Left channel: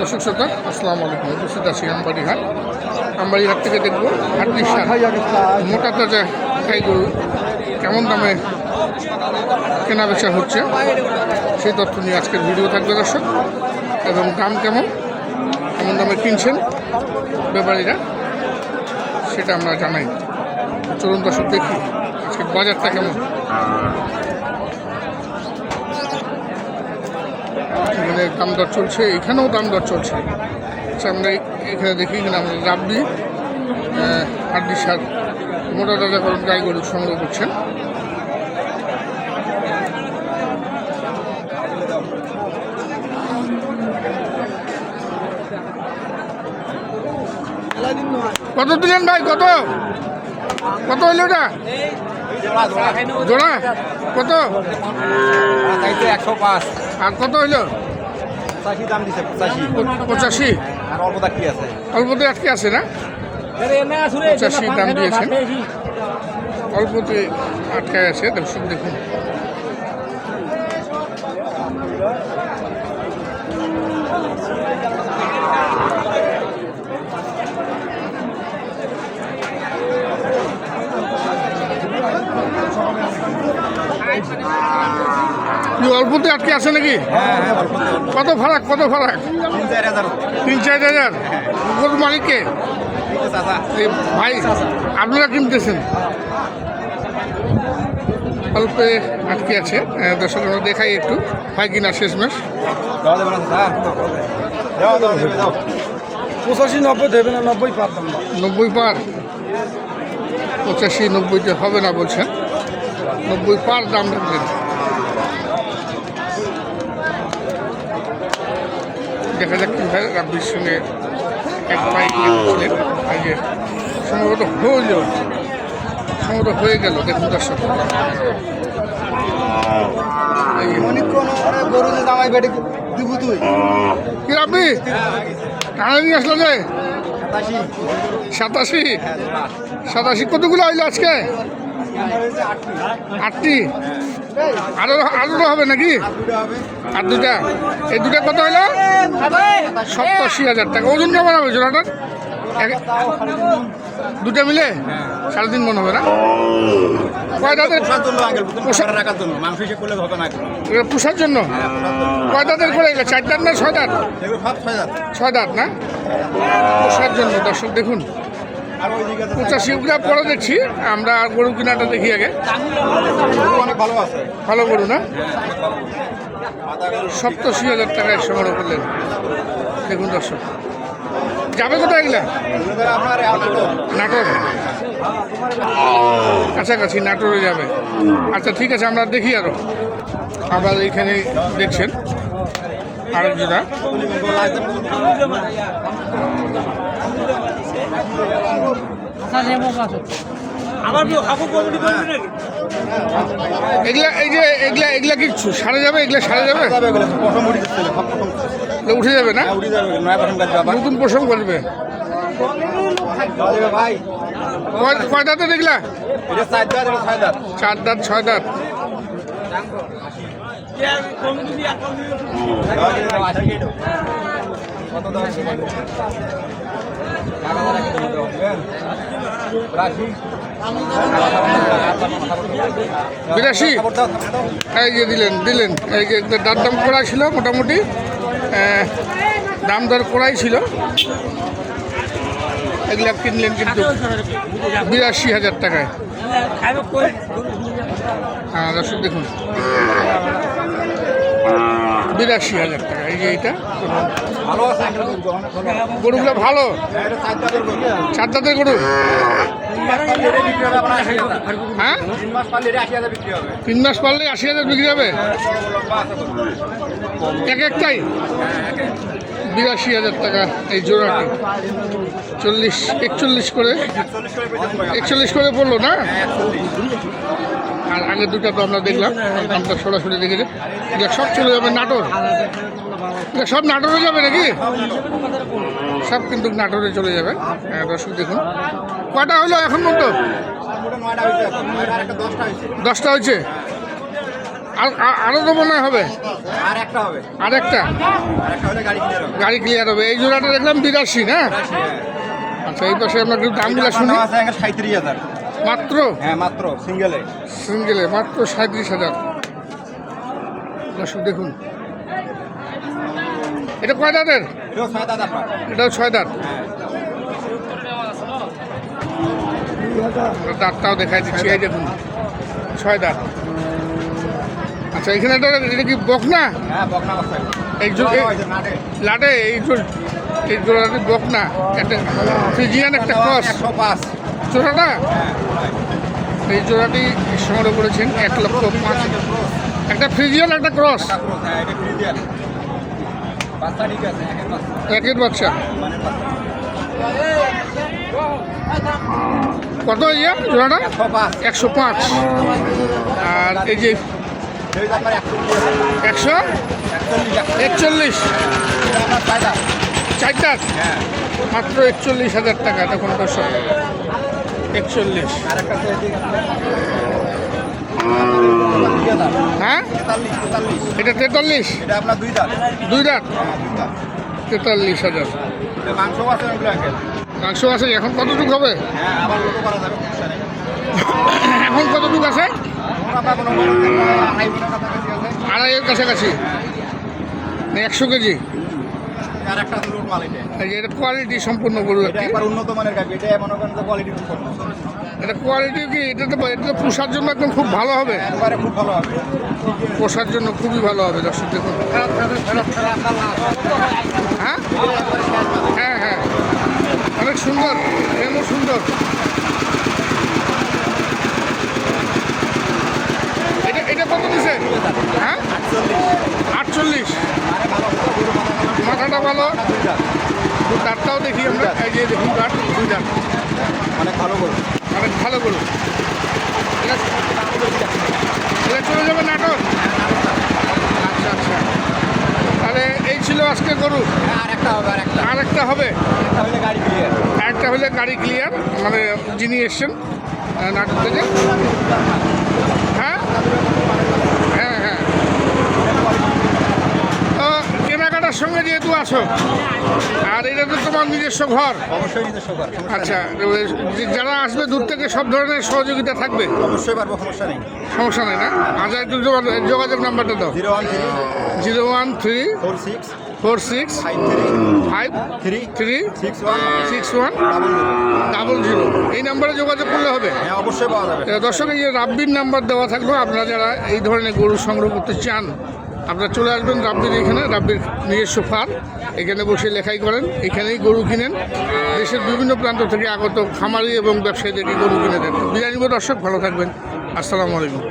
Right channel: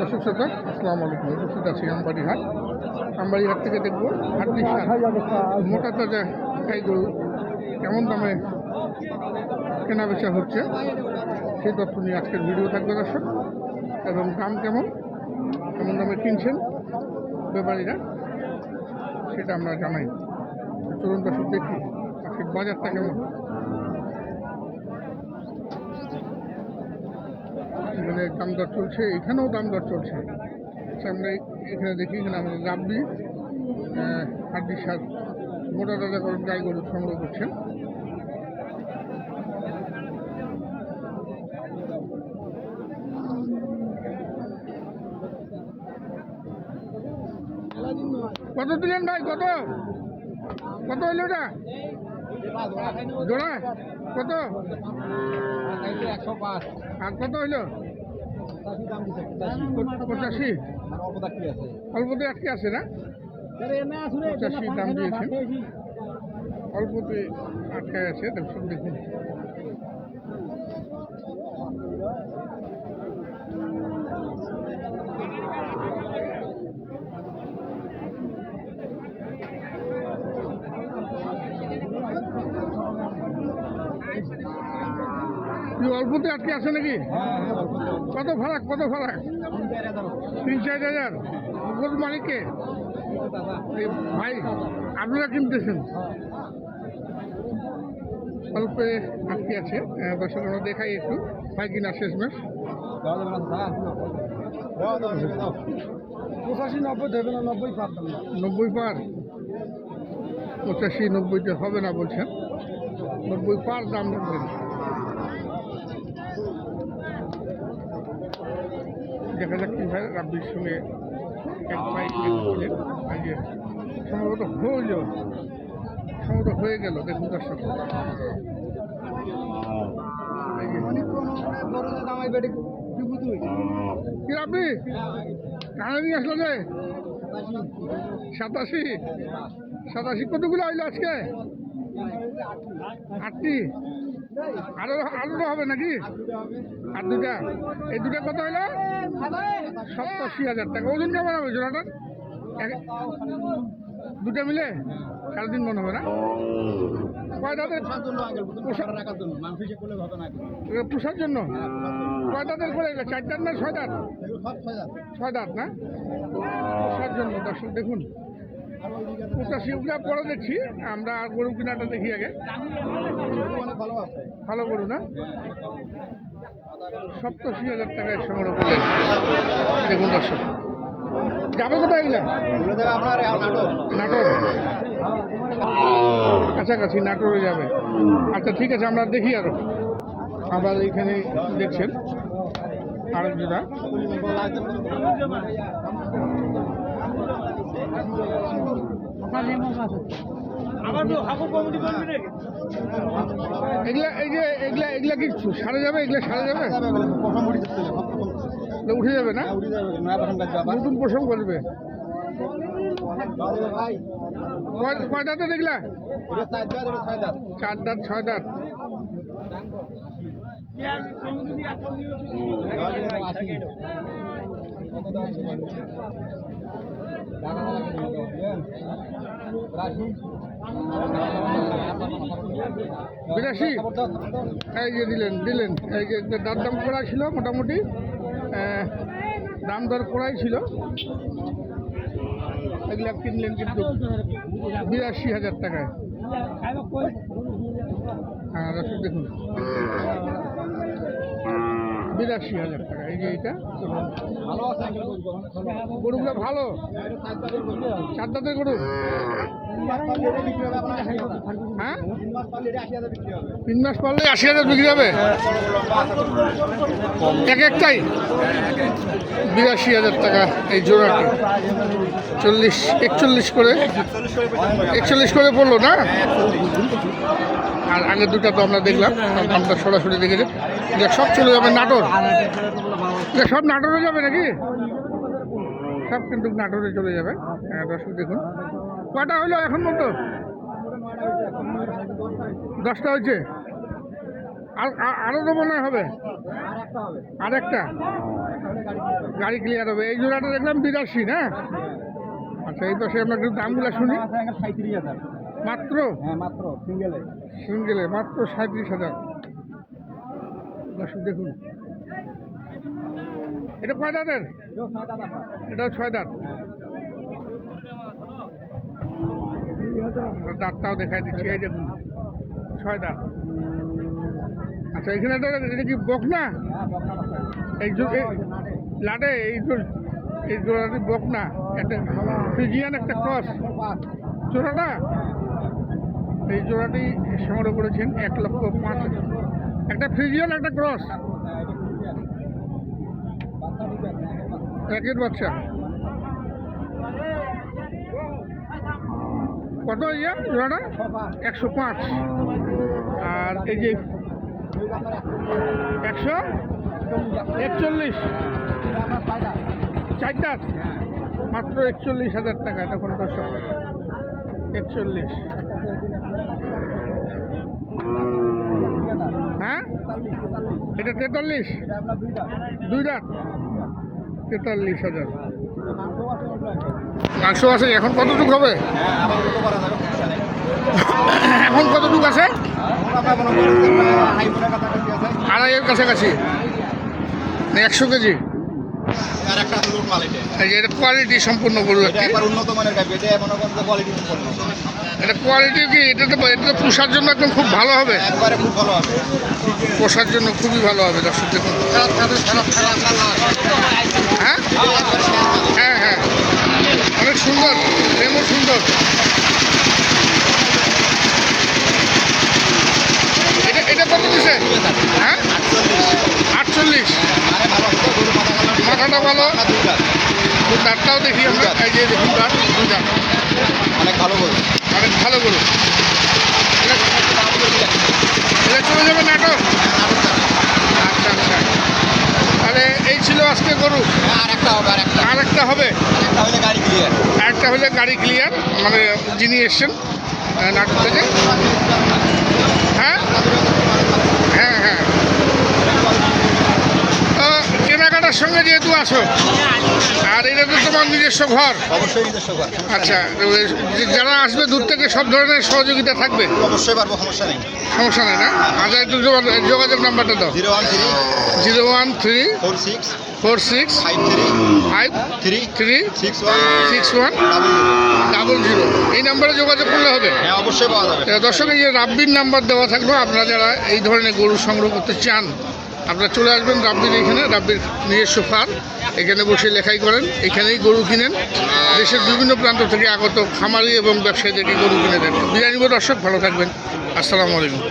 দর্শক শ্রোতা আসসালামু আলাইকুম। উপস্থিত আছি আমবাড়িহাট। আমবাড়িহাট থেকে দেখবো হাটটির মোটা তাজা গাই গরু কেমন দামে কেনা বেচা হচ্ছে সেই তথ্য নিয়ে আজকের ভিডিও থাকবে দর্শক, এবং দাম কেমন দামে কিনছেন ব্যাপারীরা সেটা আমরা জানাই। চলুন দর্শক দেখি আজকের বাজারটা কেমন। এখানে দাম দর চলছে, এখানেও দাম দর চলছে। আচ্ছা আমরা এখানে দেখি, এখানে আমরা রাব্বি হাড্ডি সার মোটা তাজাকরণ গাই গরু সংগ্রহ করছেন। কত দিলেন ভাই? কত কত হইল ওটা জোড়া? কত? 105। আর কত হইল? 85 দাম দিছে। 85। আর অল্পতে আটকে আছে না? 85 দাম দিয়েছেন, অল্পতে আটকায় আছে। দর্শক দেখুন অল্পতে আটকে আছে নাকি? কত ফারাক? 3-4 হাজার। গরুর মালিককে ভাই আপনারা কিনতেছেন, অল্পে আটকে আছে। দর্শক আমরা দেখাই একটু ভাই কিনা শেষমেশ। 85-90 দেবে না? 90 পার দাম। 90 পার? 85-90 হবে না বলছেন, 90 পার দাম রাখবেন। দেখা যাক কি ভাই রাব্বির সঙ্গে এক পাই ছিলেন। আগে সম্ভবত হয়ে গেল। দেখুন দর্শক কি রাব্বি টানা নিয়ে আসলো যে 87 কতগুলো হইলো আজকে? 8টি। আরো হবে নাকি? আর দুটা? এই দুটা কত হইলো? 87,000 টাকা। ওজন কেমন হবে জোড়াটা? দুটা মিলে 3.5 মন হবে না? কয় দাঁতের? পোষার জন্য। কয় দাঁতের করে? 4 দাঁত না 6 দাঁত? 6 দাঁত না? পোষার জন্য। দর্শক দেখুন 85 পরে দেখছি আমরা। গরু কিনাটা দেখি আগে। ভালো গরু না? 87,000 টাকায় সংগ্রহ করলেন। দেখুন দর্শক যাবে কোথায় এগুলা? নাটোর কাছাকাছি, নাটোরে যাবে। আচ্ছা ঠিক আছে, আমরা দেখি আরো। আবার এইখানে দেখছেন আরেক জোড়া। এগুলা কি সারে যাবে? এগুলা সারে যাবে? উঠে যাবে না? নতুন পোষণ করবে। কয় দাঁতে দেখলা? 4 দাঁত 6 দাঁত। বিরাশি। এই যে দিলেন এই যে দাঁত দাম করাই ছিল, মোটামুটি দাম দর করাই ছিল। এগুলা কিনলেন কিন্তু 82,000 টাকায়। হ্যাঁ দর্শক দেখুন 82,000 টাকা। এই যে এইটা গরুগুলো ভালো, 4 দাঁতের গরু। হ্যাঁ 3 মাস পারলে 80,000 বিক্রি হবে একটাই। 82,000 টাকা এই জোড়াটি। 41 করে পড়লো না? আর আগের দুটা তো আমরা দেখলাম, দামটা সরাসরি দেখেছে। সব চলে যাবে নাটোর। সব নাটোরে যাবে নাকি? সব কিন্তু নাটোরে চলে যাবে। দর্শক দেখুন কয়টা হইলো এখন পর্যন্ত? 10টা হয়েছে। আরও তো মনে হয় হবে আর একটা হবে, আর একটা আর একটা হলে গাড়ি ক্লিয়ার হবে। গাড়ি ক্লিয়ার হবে। এই জোড়াটা দেখলাম 82 না? আচ্ছা, এই পাশে আমরা একটু দামগুলো শুনি। 37,000 মাত্র হ্যাঁ, মাত্র সিঙ্গেলে। সিঙ্গেলে মাত্র 37,000। দর্শক দেখুন, এটা কয় দাঁতের? এটাও 6 দাঁত আপনার। এটাও 6 দাঁত। হ্যাঁ, আমরা দাঁতটাও দেখাই দিচ্ছি, এই দেখুন 6 দাঁত। আচ্ছা, এখানে এটা কি বকনা? হ্যাঁ, বকনা বাচ্চা। এই লাটে এই জোড়াটি বকনা, একটা ফ্রিজিয়ান একটা ক্রস 105। জোড়াটা। হ্যাঁ, এই জোড়াটি সংগ্রহ করেছেন 1,05,000। একটা ফ্রিজিয়ান একটা ক্রস, হ্যাঁ, এটা ফ্রিজিয়ান বাচ্চা। ঠিক আছে, একের বাচ্চা, একের বাচ্চা। মানের বাচ্চা। কত ইয়া জোড়াটা? 105। 105। আর এই যে এই যে আপনার 141 আপনার 6 দাঁত। 4 দাঁত, হ্যাঁ, মাত্র 41,000 টাকা। তখন দর্শক 41। আরেকটা আছে এদিকে আপনার হ্যাঁ, 43। এটা 43। এটা আপনার 2 দাঁত। 2 দাঁত, হ্যাঁ, 2 দাঁত। 43,000। এটা মাংস আছে এগুলো আঙ্কেল। মাংস আছে। এখন কতটুকু হবে? হ্যাঁ, আবার লোকও করা যাবে, সমস্যা নেই। এখন কতটুকু আছে? এখন আপনার কোনো হাই বোনের কাছাকাছি আছে। আড়াইয়ের কাছাকাছি না 100 কেজি? আর একটা হলুদ মাল এটা। এই যে এটা কোয়ালিটি সম্পূর্ণ গরু এটা একটি। একবার উন্নত মানের গাভি, এটা মনে করেন যে কোয়ালিটি সম্পন্ন। এটা কোয়ালিটি কি? এটা তো পোষার জন্য একদম খুব ভালো হবে। একবারে খুব ভালো হবে। পোষার জন্য খুবই ভালো হবে। দর্শক দেখুন। হ্যাঁ হ্যাঁ হ্যাঁ, অনেক সুন্দর, ফ্রেমও সুন্দর। এটা কত দিছে? হ্যাঁ, 48। আরে ভালো হবে, গরু মাথা কালো। মাথাটা ভালো। না, 2 দাঁত। তো দাঁতটাও দেখি আমরা। এই যে দেখুন দাঁত, 2 দাঁত, অনেক ভালো গরু। অনেক ভালো গরু। এটা চলে যাবে নাটক? হ্যাঁ, নাটক যাবে। আচ্ছা আচ্ছা, তাহলে এই ছিল আজকে গরু। হ্যাঁ, আরেকটা হবে, আরেকটা। আরেকটা হবে, একটা হলে গাড়ি ক্লিয়ার। আরেকটা হলে গাড়ি ক্লিয়ার, মানে যিনি এসছেন নাটক থেকে। হ্যাঁ হ্যাঁ হ্যাঁ। তো কেনাকাটার সঙ্গে যেহেতু আছো, আর এটা তো তোমার নিজস্ব ঘর। অবশ্যই নিজস্ব ঘর। আচ্ছা, যারা আসবে দূর থেকে সব ধরনের সহযোগিতা থাকবে? অবশ্যই পারবো, সমস্যা নেই। সমস্যা নেই না? আচ্ছা, একটু যোগাযোগ নাম্বারটা দাও। 013 013 46 46 53 53 3 61 61 00। 00। এই নাম্বারে যোগাযোগ করলে হবে। হ্যাঁ, অবশ্যই পাওয়া যাবে। দর্শক, এই যে রাব্বির নাম্বার দেওয়া থাকলো, আপনারা যারা এই ধরনের গরু সংগ্রহ করতে চান, আপনারা চলে আসবেন রাব্বির এখানে। রাব্বির নিজস্ব ফার্ম, এখানে বসে লেখাই করেন, এখানেই গরু কিনেন। দেশের বিভিন্ন প্রান্ত থেকে আগত খামারি এবং ব্যবসায়ীদেরকে গরু কিনে দেন। বিদায় নিব দর্শক, ভালো থাকবেন। আসসালামু আলাইকুম।